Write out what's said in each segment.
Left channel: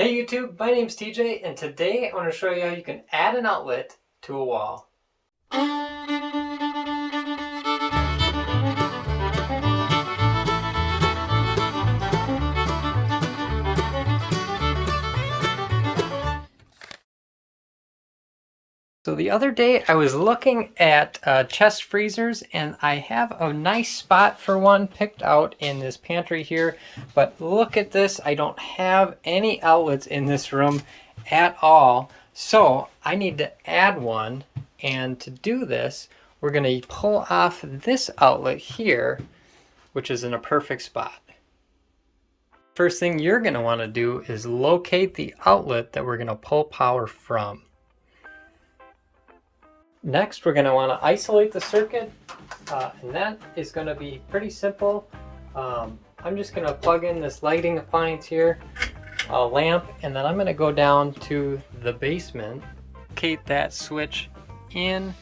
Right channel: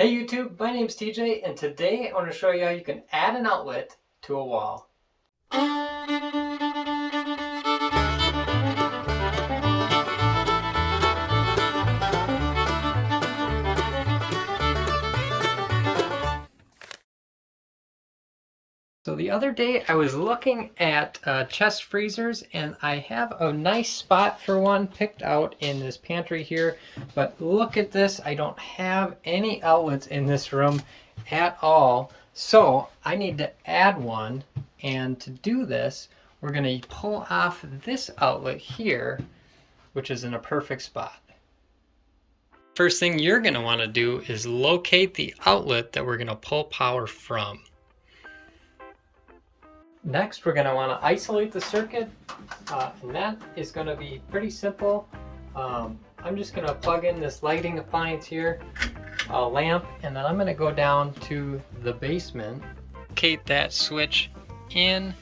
Hey YouTube, my name's TJ, and today I want to show you how you can add an outlet to a wall. So the other day I was looking at chest freezers, and I have a nice spot for one picked out in this pantry here, but look at this, I don't have any outlets in this room at all. So I need to add one, and to do this we're going to pull off this outlet here, which is in a perfect spot. First thing you're going to want to do is locate the outlet that we're going to pull power from. Next, we're going to want to isolate the circuit, and that is going to be pretty simple. I'm just going to plug in this lighting appliance here, a lamp, and then I'm going to go down to the basement, locate that switch in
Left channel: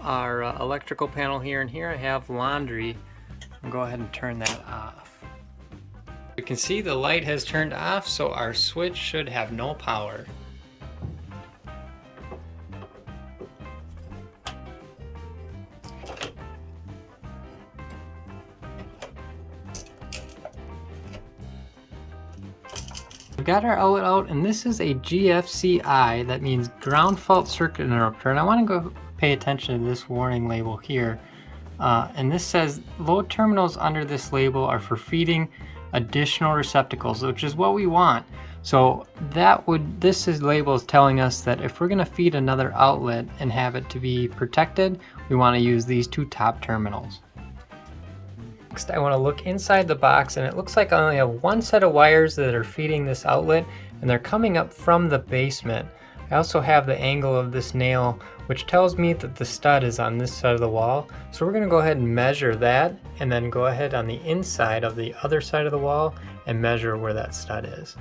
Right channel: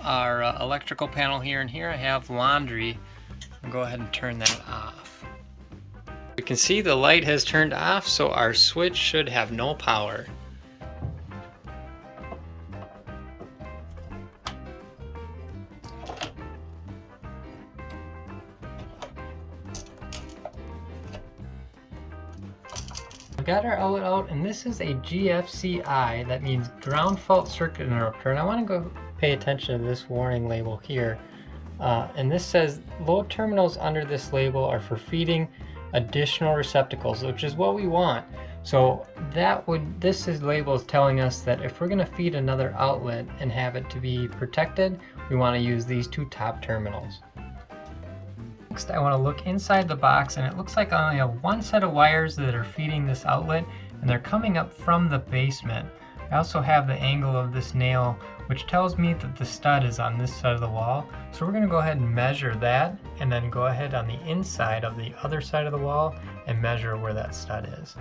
our electrical panel here, and here I have laundry. I'll go ahead and turn that off. You can see the light has turned off, so our switch should have no power. We've got our outlet out, and this is a GFCI, that means ground fault circuit interrupter, and I want to go pay attention to this warning label here. And this says load terminals under this label are for feeding additional receptacles, which is what we want. So this label is telling us that if we're going to feed another outlet and have it to be protected, we want to use these two top terminals. Next, I want to look inside the box, and it looks like I only have one set of wires that are feeding this outlet, and they're coming up from the basement. I also have the angle of this nail, which tells me that the stud is on this side of the wall. So we're going to go ahead and measure that, and then go ahead on the inside of the other side of the wall and measure where that stud is.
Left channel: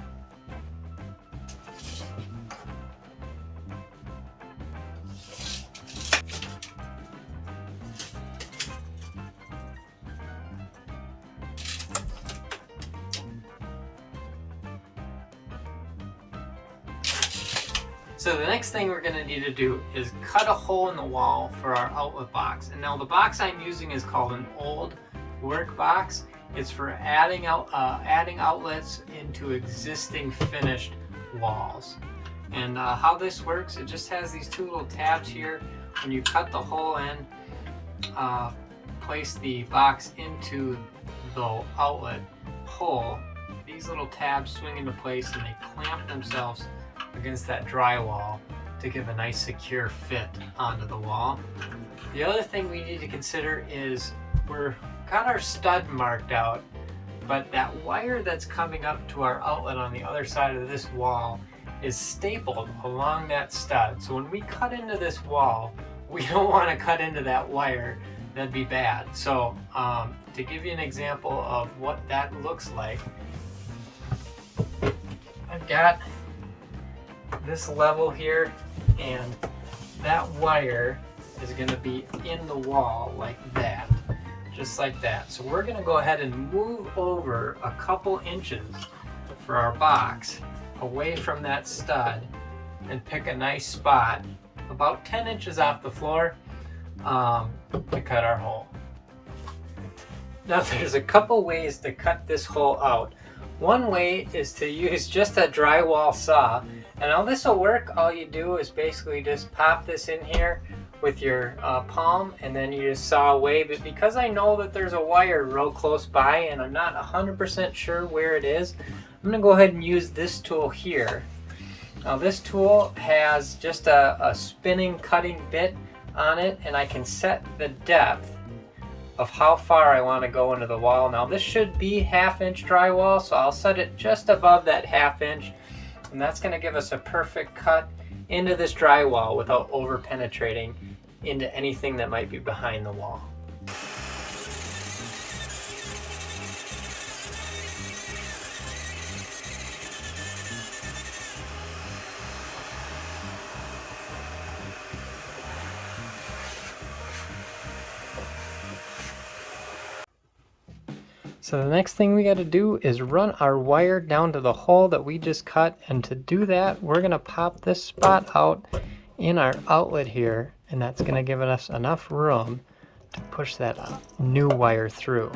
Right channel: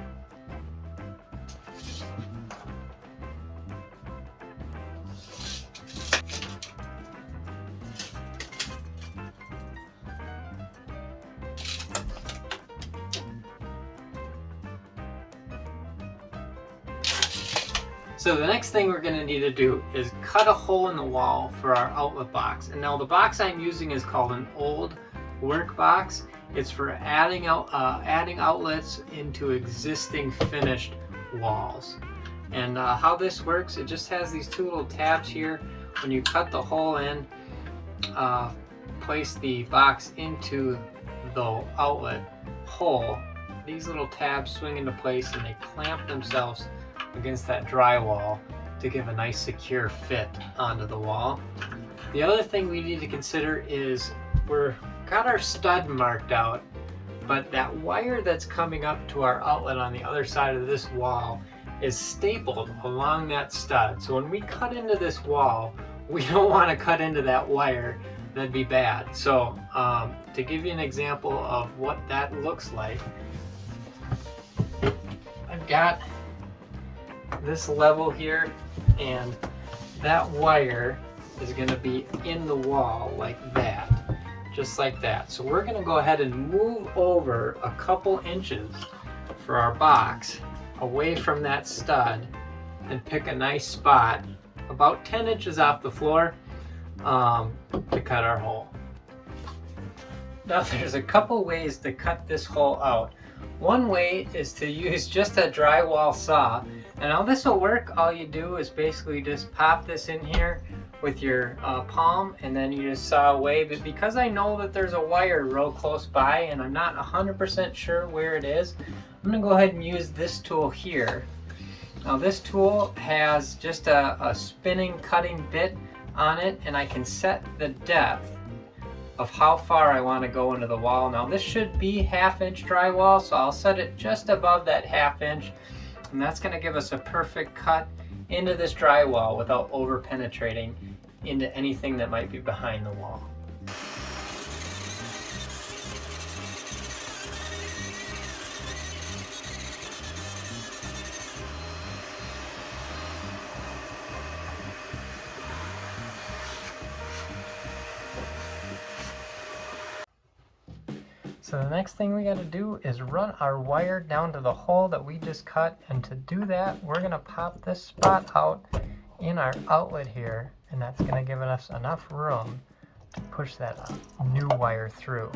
So the next thing we're going to need to do is cut a hole in the wall for our outlet box. And now the box I'm using is called an old work box. It's for adding outlets into existing finished walls. And how this works, it just has these two little tabs here. When you cut the hole in, place the box into the outlet hole, these little tabs swing into place and they clamp themselves against that drywall to give a nice secure fit onto the wall. The other thing we need to consider is we've got our stud marked out, but that wire that's coming up to our outlet on the other side of this wall is stapled along that stud. So when we cut into this wall, we don't want to cut into that wire. That'd be bad. So to give you an example of what that looks like, I've got this level here, and that wire is going to be in the wall like that, just like that. So we're going to go ahead and move over a couple inches for our box away from that stud and pick a nice spot about 10 inches off the floor to cut our hole. Now there's a couple ways to cut this hole out. One way is to use just a drywall saw, and now this will work. All you do is basically just pop this in here with your palm, and then you just saw away. But because I know that there's a wire real close by and I'm not 100% sure where it is, I'm going to go ahead and use this tool here. Now this tool has just a spinning cutting bit on it, and I can set the depth of how far I want to go into the wall. Now this should be 1/2 inch drywall, so I'll set it just above that 1/2 inch, and that's going to give us a perfect cut into this drywall without over penetrating into anything that might be behind the wall. So the next thing we got to do is run our wire down to the hole that we just cut, and to do that we're going to pop this spot out in our outlet here, and that's going to give us enough room to push that new wire through.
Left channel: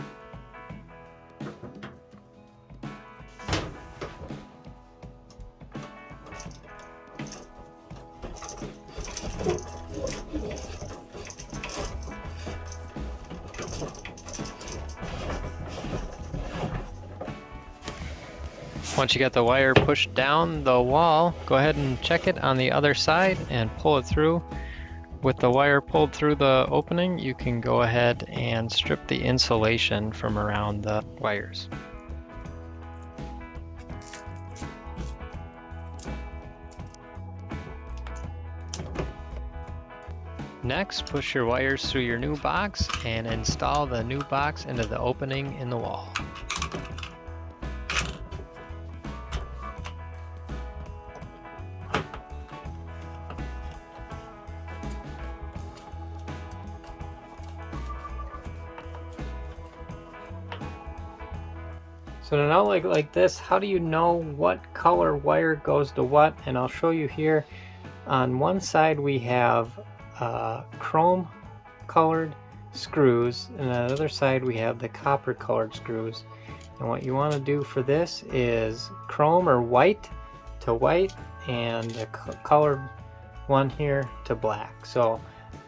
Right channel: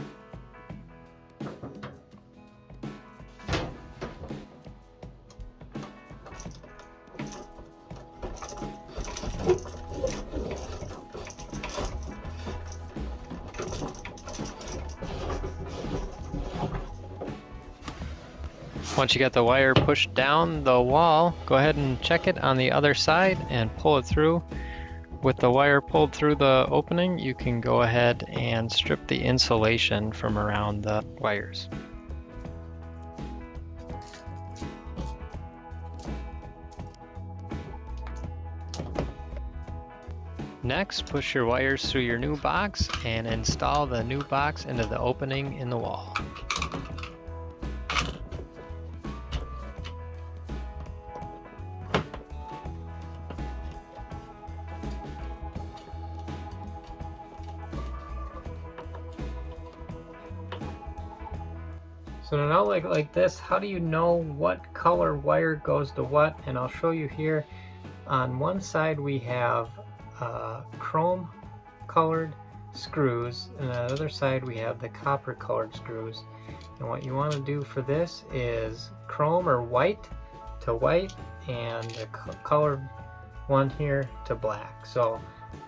Once you get the wire pushed down the wall, go ahead and check it on the other side and pull it through. With the wire pulled through the opening, you can go ahead and strip the insulation from around the wires. Next, push your wires through your new box and install the new box into the opening in the wall. So in an outlet like this, how do you know what color wire goes to what? And I'll show you here. On one side we have chrome colored screws, and on the other side we have the copper colored screws. And what you want to do for this is chrome or white to white, and the colored one here to black. So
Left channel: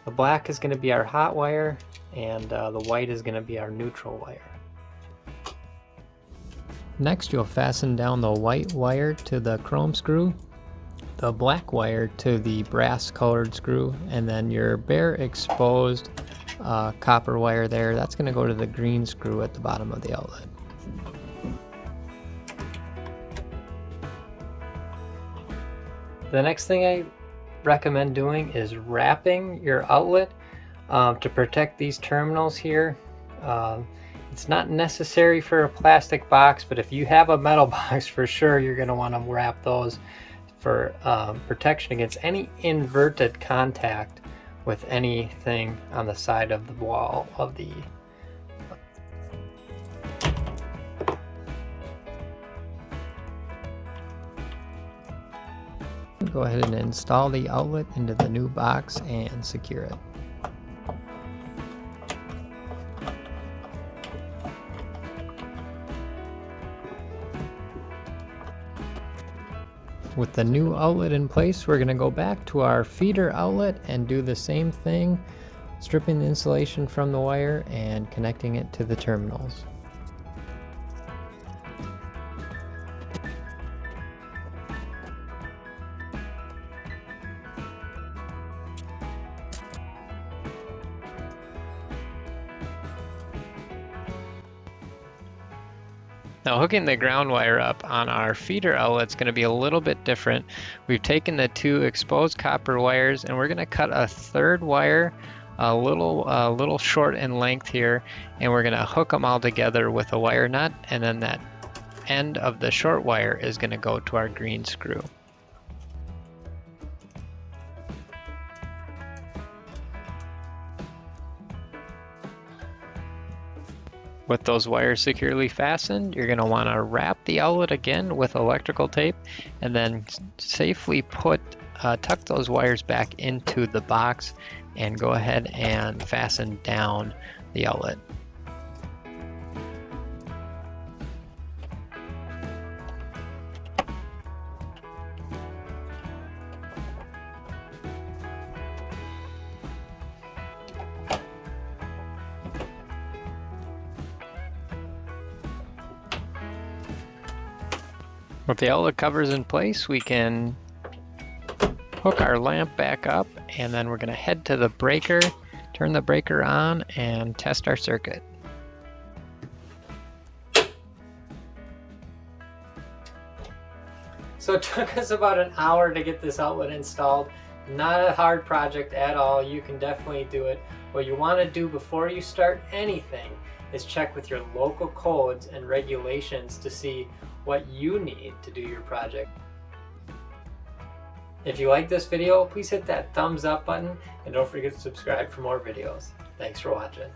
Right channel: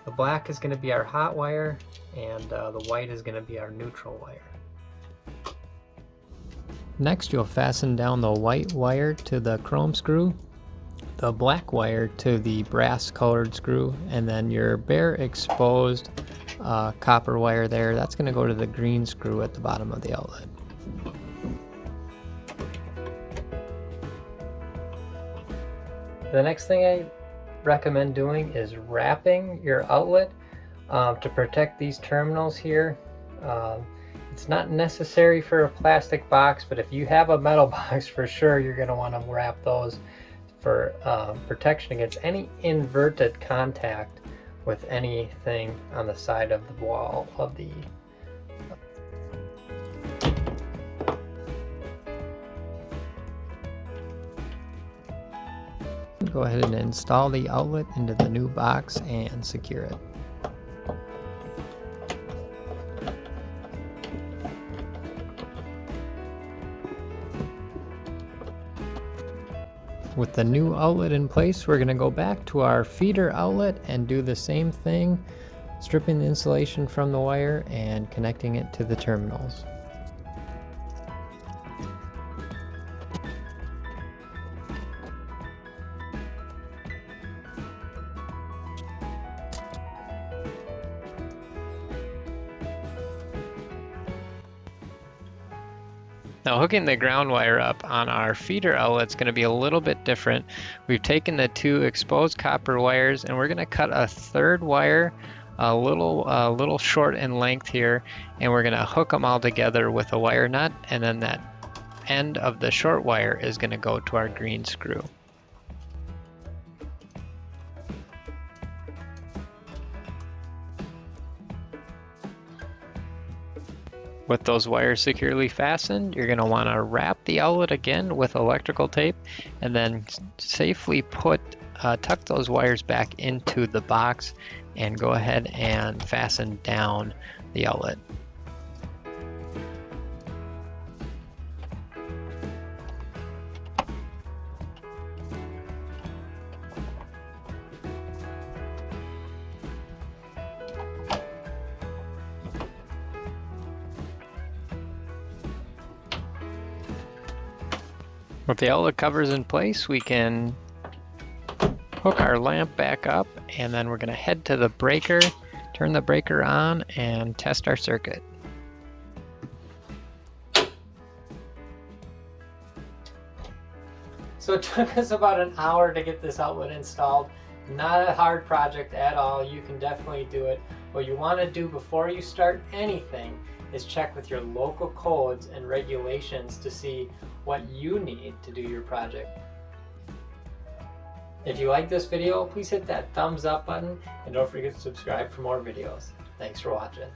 the black is going to be our hot wire, and the white is going to be our neutral wire. Next, you'll fasten down the white wire to the chrome screw, the black wire to the brass colored screw, and then your bare exposed copper wire there, that's going to go to the green screw at the bottom of the outlet. The next thing I recommend doing is wrapping your outlet to protect these terminals here. It's not necessary for a plastic box, but if you have a metal box, for sure you're going to want to wrap those for protection against any inverted contact with anything on the side of the wall of the Go ahead and install the outlet into the new box and secure it. With the new outlet in place, we're going to go back to our feeder outlet and do the same thing, stripping the insulation from the wire and connecting it to the terminals. Now, hooking the ground wire up on our feeder outlet is going to be a little bit different. We've taken the two exposed copper wires and we're going to cut a third wire a little short in length here, and we're going to hook them all together with a wire nut, and then that end of the short wire is going to go to our green screw. With those wires securely fastened, you're going to want to wrap the outlet again with electrical tape and then safely tuck those wires back into the box and go ahead and fasten down the outlet. With the outlet covers in place, we can hook our lamp back up, and then we're going to head to the breaker, turn the breaker on, and test our circuit. So it took us about an hour to get this outlet installed. Not a hard project at all. You can definitely do it. What you want to do before you start anything is check with your local codes and regulations to see what you need to do your project. If you like this video, please hit that thumbs up button and don't forget to subscribe for more videos. Thanks for watching.